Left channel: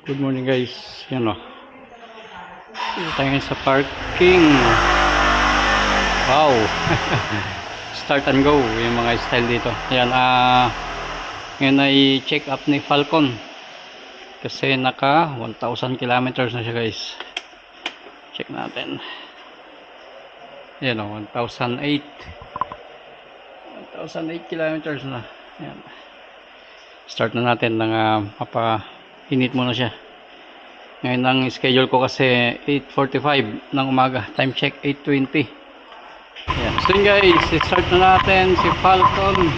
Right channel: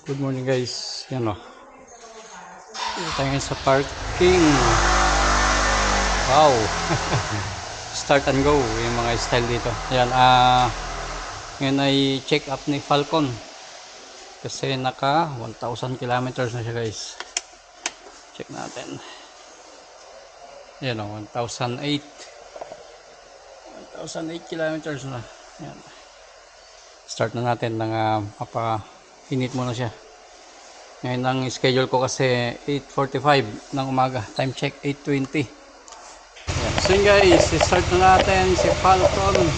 Good morning guys. Yan o. Dito tayo ngayon sa parking. Wow. Start and go yung mga style dito. Yan. Ngayon ay check up ni Falcon. Kasi naka 1,000 kilometers na siya guys. Check natin. Yan o. 1,008. 1,008 kilometers na. Yan. Start na natin ng mapa-init muna siya. Ngayon ang schedule ko kasi 8:45 ng umaga. Time check 8:20. Ayan. So yun guys, start na natin si Falcon.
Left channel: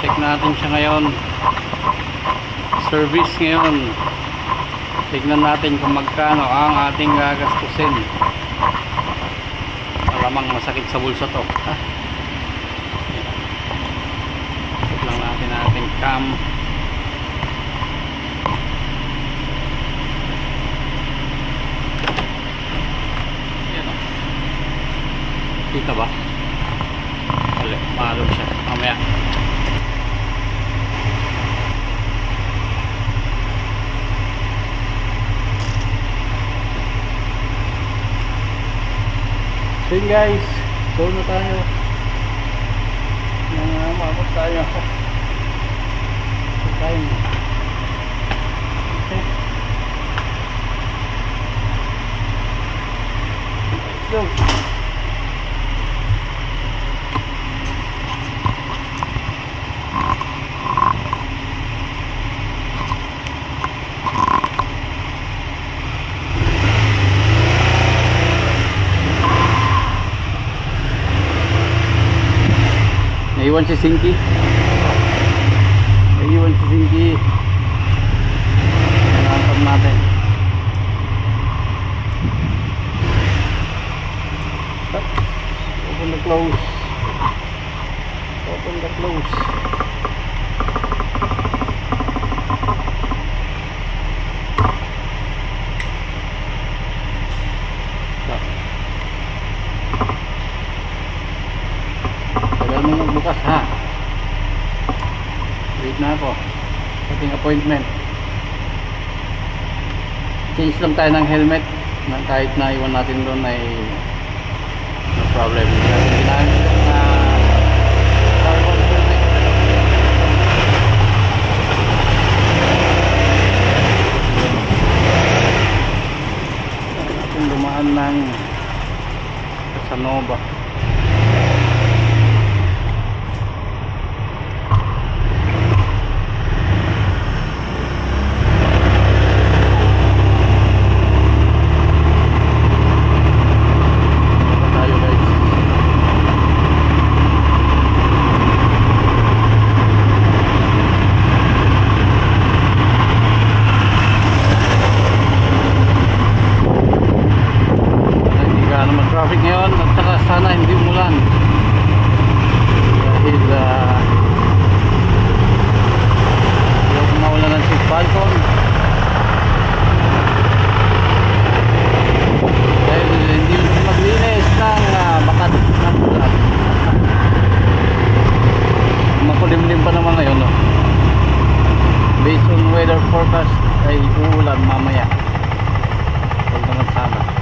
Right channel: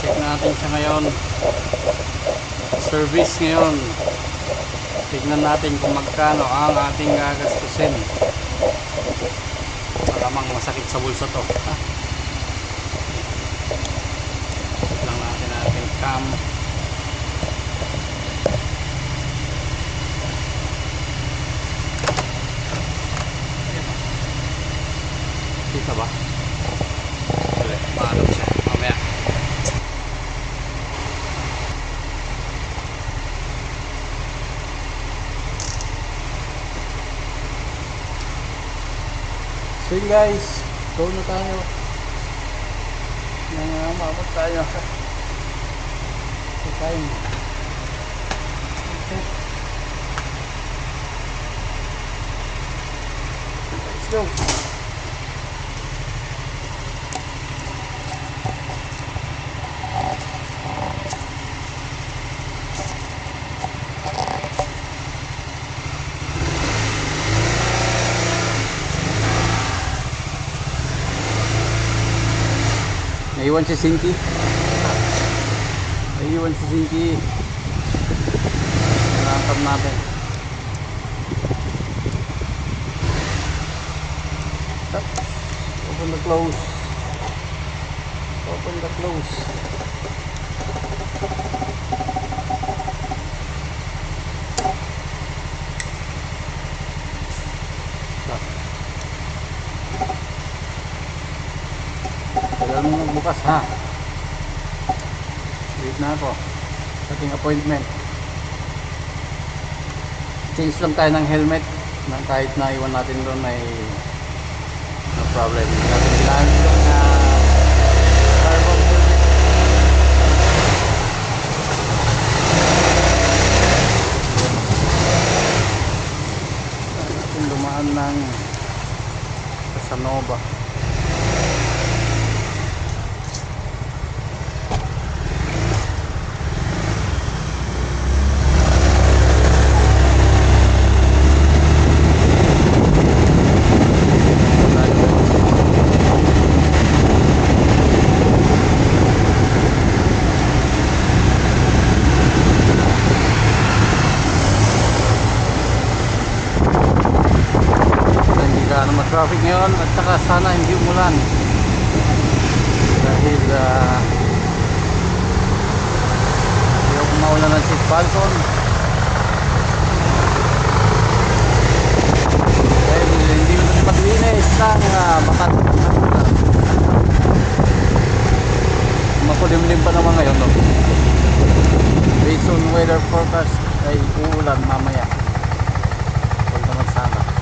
Check natin siya ngayon. Service ngayon. Tignan natin kung magkano ang ating gagastusin. Malamang masakit sa bulsa to. Check lang natin ang ating cam. Kita ba? Wala, maalog siya. Mamaya. So yun guys, go na tayo. Maabot tayo. So time. Okay. Let's go. Naiwan si Sinky. Nangangkap natin. Open the close. Tagal mo magbukas ha. Wait na ako. Ating appointment. Change lang tayo ng helmet nang kahit na iwan natin doon ay no problem. Kailangan yung carbon helmet. Natin dumaan ng Casanova. Naman traffic ngayon at saka sana hindi umulan dahil yung maulan ng si Falcon dahil hindi maglinis ng bakat ng makulimlim pa naman ngayon no? Based on weather forecast ay uulan mamaya. Huwag naman sana.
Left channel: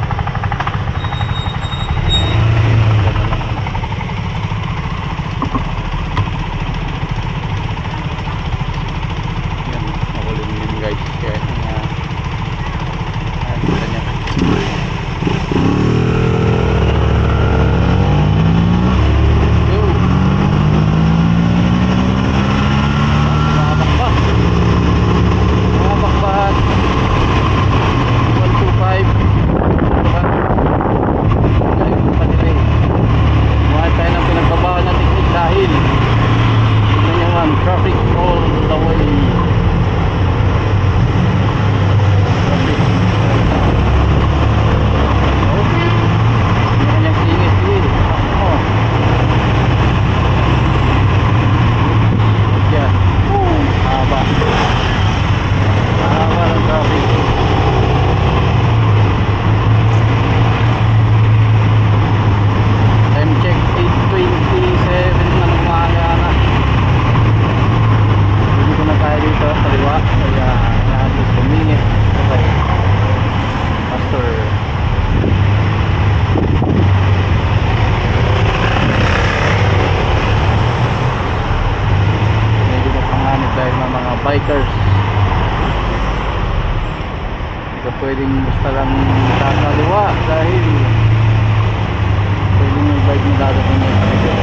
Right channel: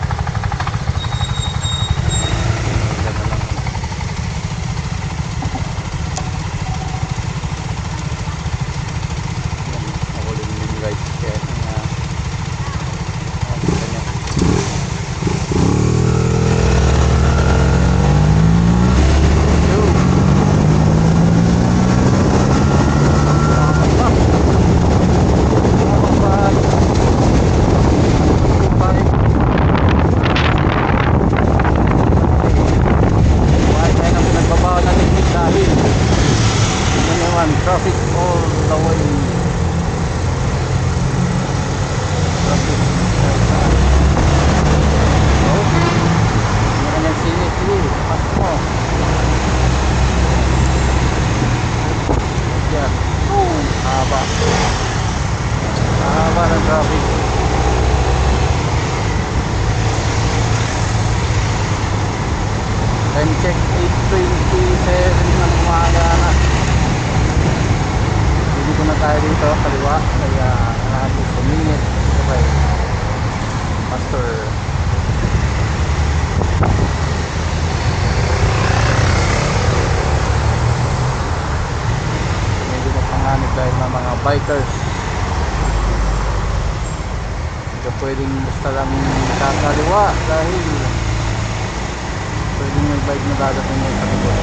Kaya halos a minute. Okay. Master. Medyo mapanganib dahil ng mga bikers. Hindi ka pwedeng basta lang kakaliwa dahil pwedeng may bike na dadating ngayon sa likod.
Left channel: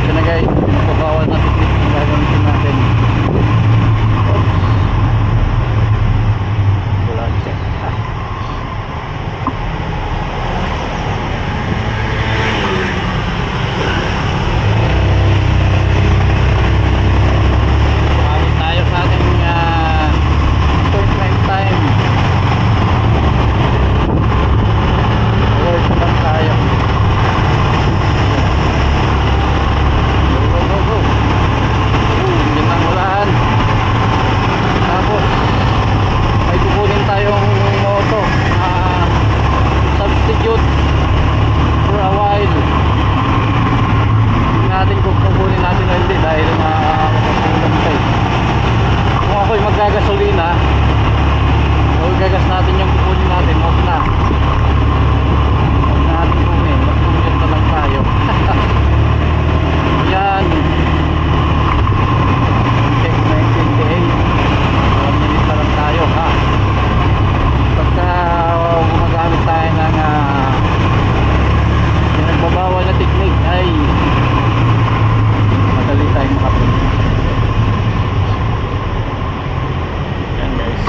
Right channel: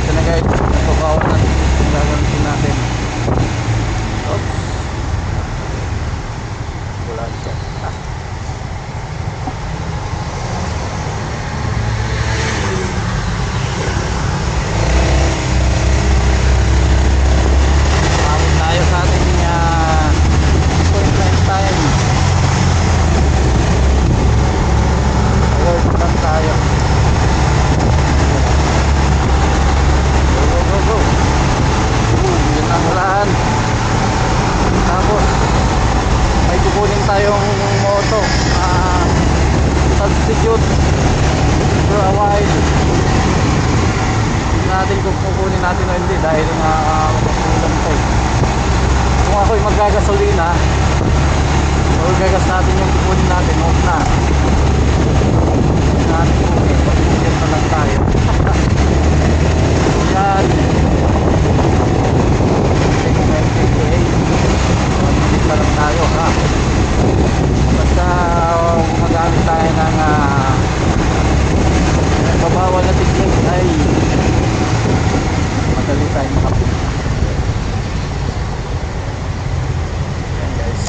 Ito na guys, napabawal na technique yung gagamitin natin. Oops. Wala check. Mawin tayo sa ating appointment time. Alert lang tayo. Go, go, go. Hindi na ulan. Tapos may kukunin tayong moto, substitute for a while. Hindi natin kung kukunin natin o hindi dahil makakulang tayo. Kung ako'y maggagasolina o gagas natin yung kukunin natin, off na. Hindi natin kukunin, mag-commute na lang tayo. Yan, check 9:28. 1 minute na lang tayo, ha. Pagka gumagamit tayo ng nagbabawal na technique ay madali tayong makapunta. Yan guys,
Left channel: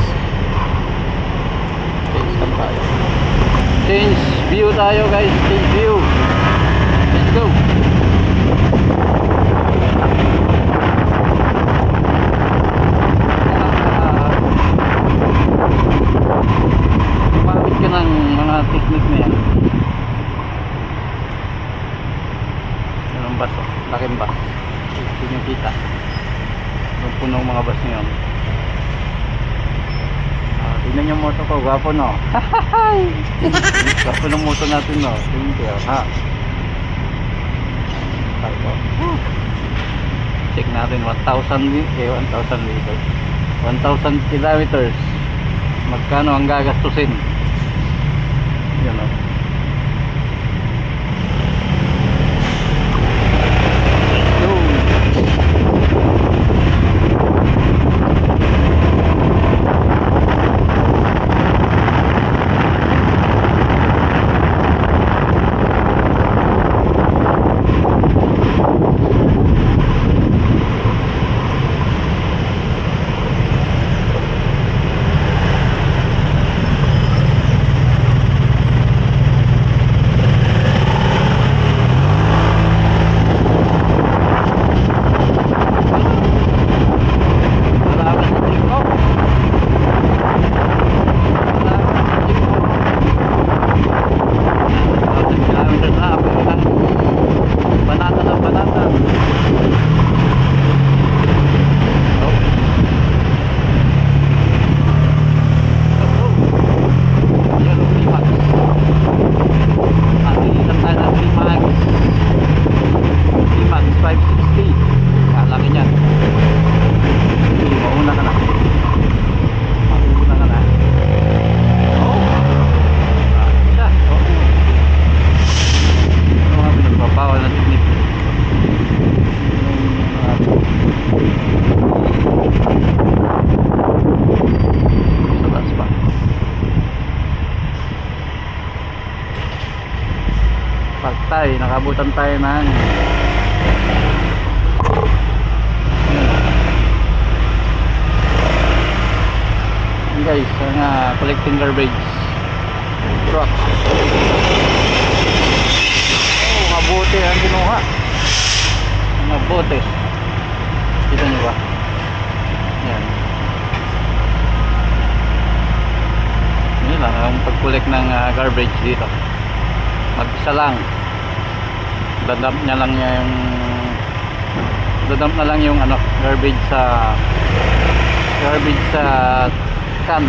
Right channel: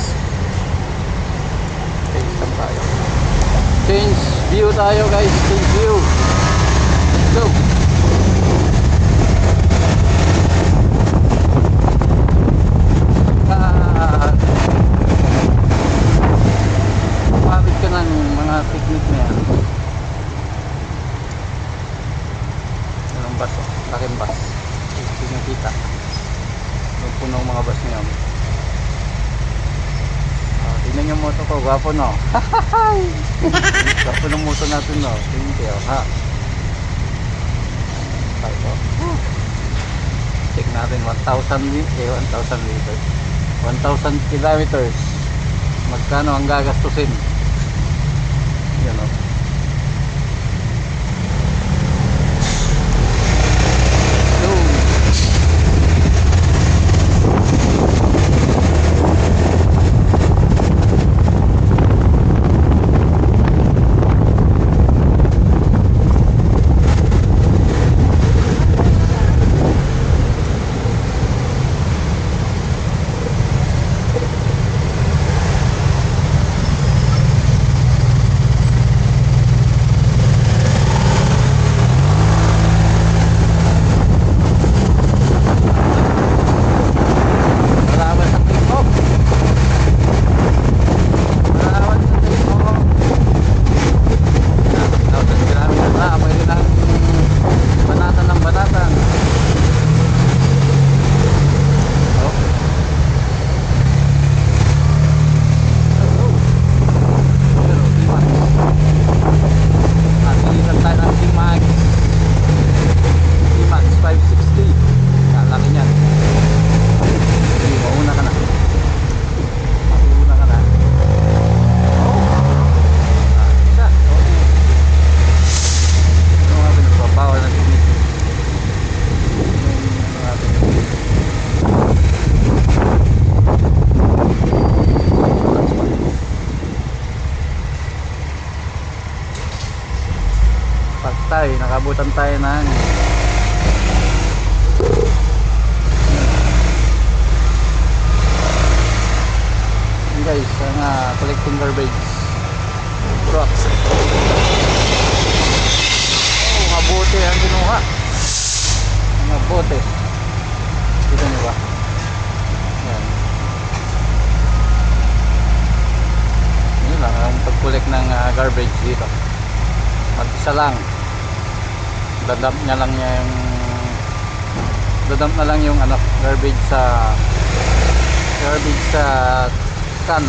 change lang tayo, change view tayo guys, change view. Let's go. Gumamit ka ng mga technique na yan. Anong bus? Laking bus. Hindi nyo kita. Yung punong mga bus na yun. Tingnan yung moto ko. Gwapo no? Gwapo ng moto natin no? Tingnan kayo ha. Check natin 1,000 liters. 1,000 kilometers. Magkano ang gagastusin? Yan o. Let's go. Tayo, nakabutan tayo ng yun guys, ang collecting garbage truck. Mga bote ang kinuha, mga bote, kita nyo ba? Yan, yun lang ang pag-collect ng garbage dito. Mag-isa lang, dadump na lang yung ano, garbage sa can.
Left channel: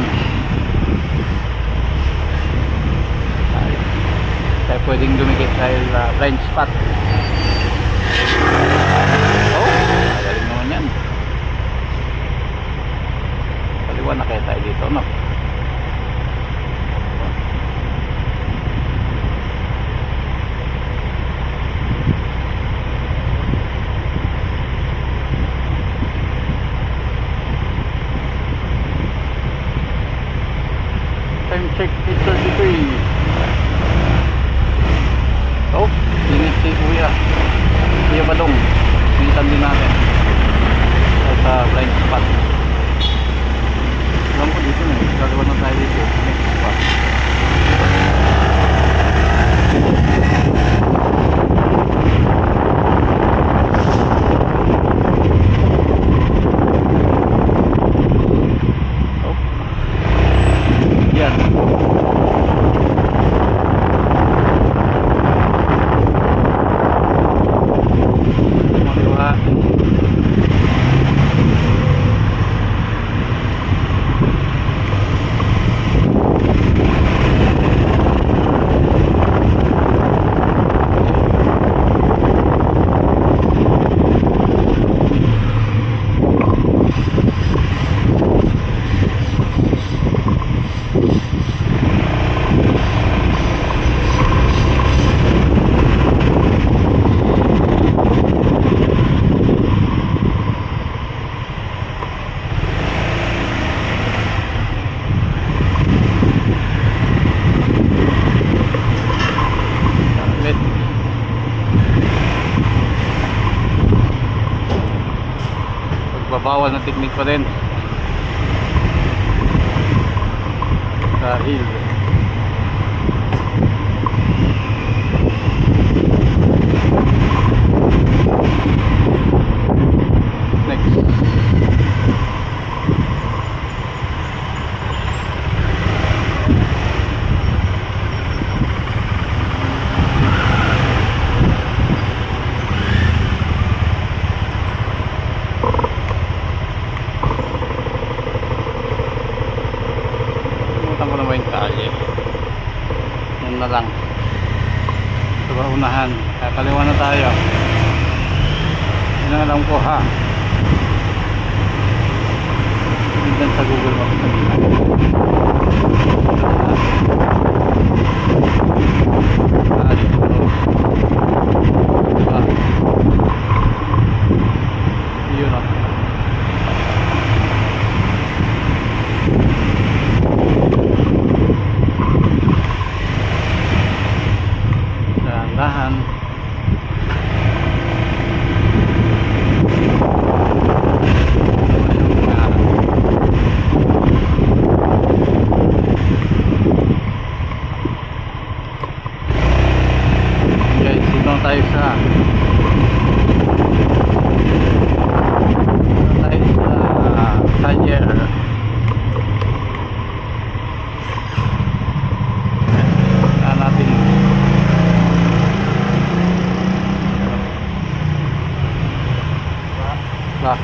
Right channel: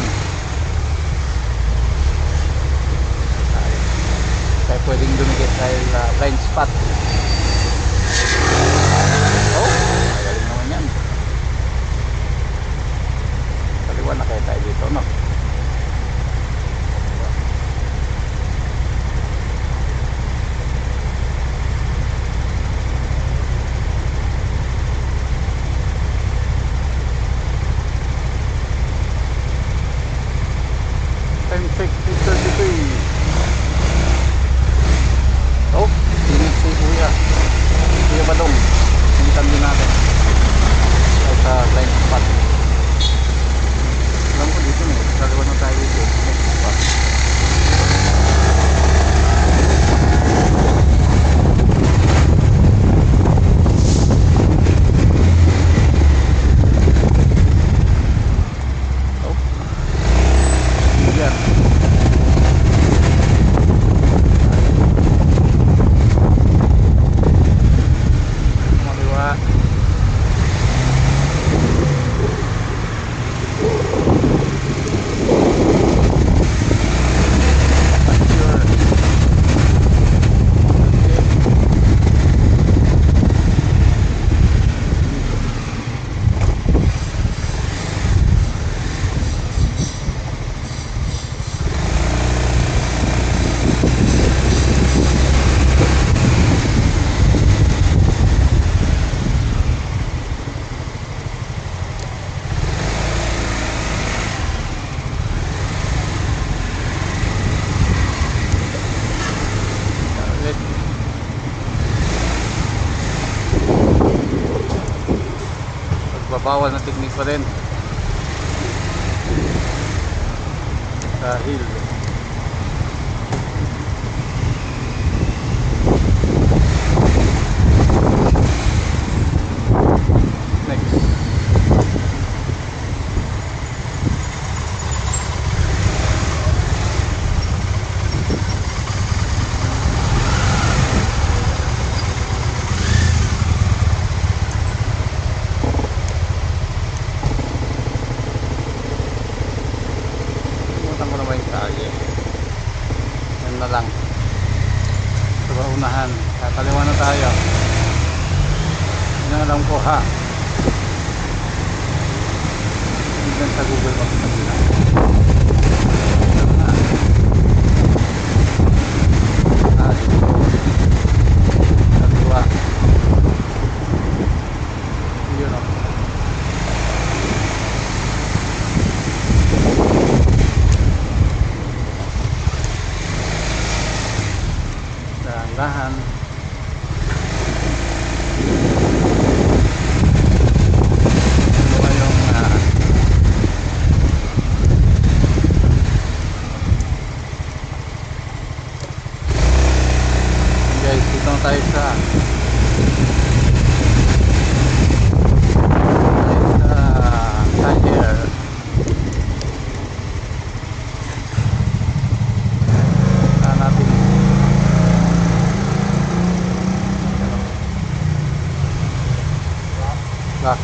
Kaya pwedeng dumikit dahil blind spot. Oh, magaling naman yan. no? Time check 8:33. Oh, init si Kuya Badong. Initan din natin sa blind spot. Alam ko dito na gagawa na tayo dito next spot. Oh, yan. Mariwa. Ulit. Pagbabawal na technique pa din sa hill. Next. Pumunta ko naman yung kalye. Yan na lang. Ito ba unahan? Kakaliwa na tayo. Yun ang alam ko ha. Tignan sa Google Maps kanina. Dito. Diba? Yun o. Dahan-dahan. Dalawa yung guys, dito na tayo sa Talyer. Natin ba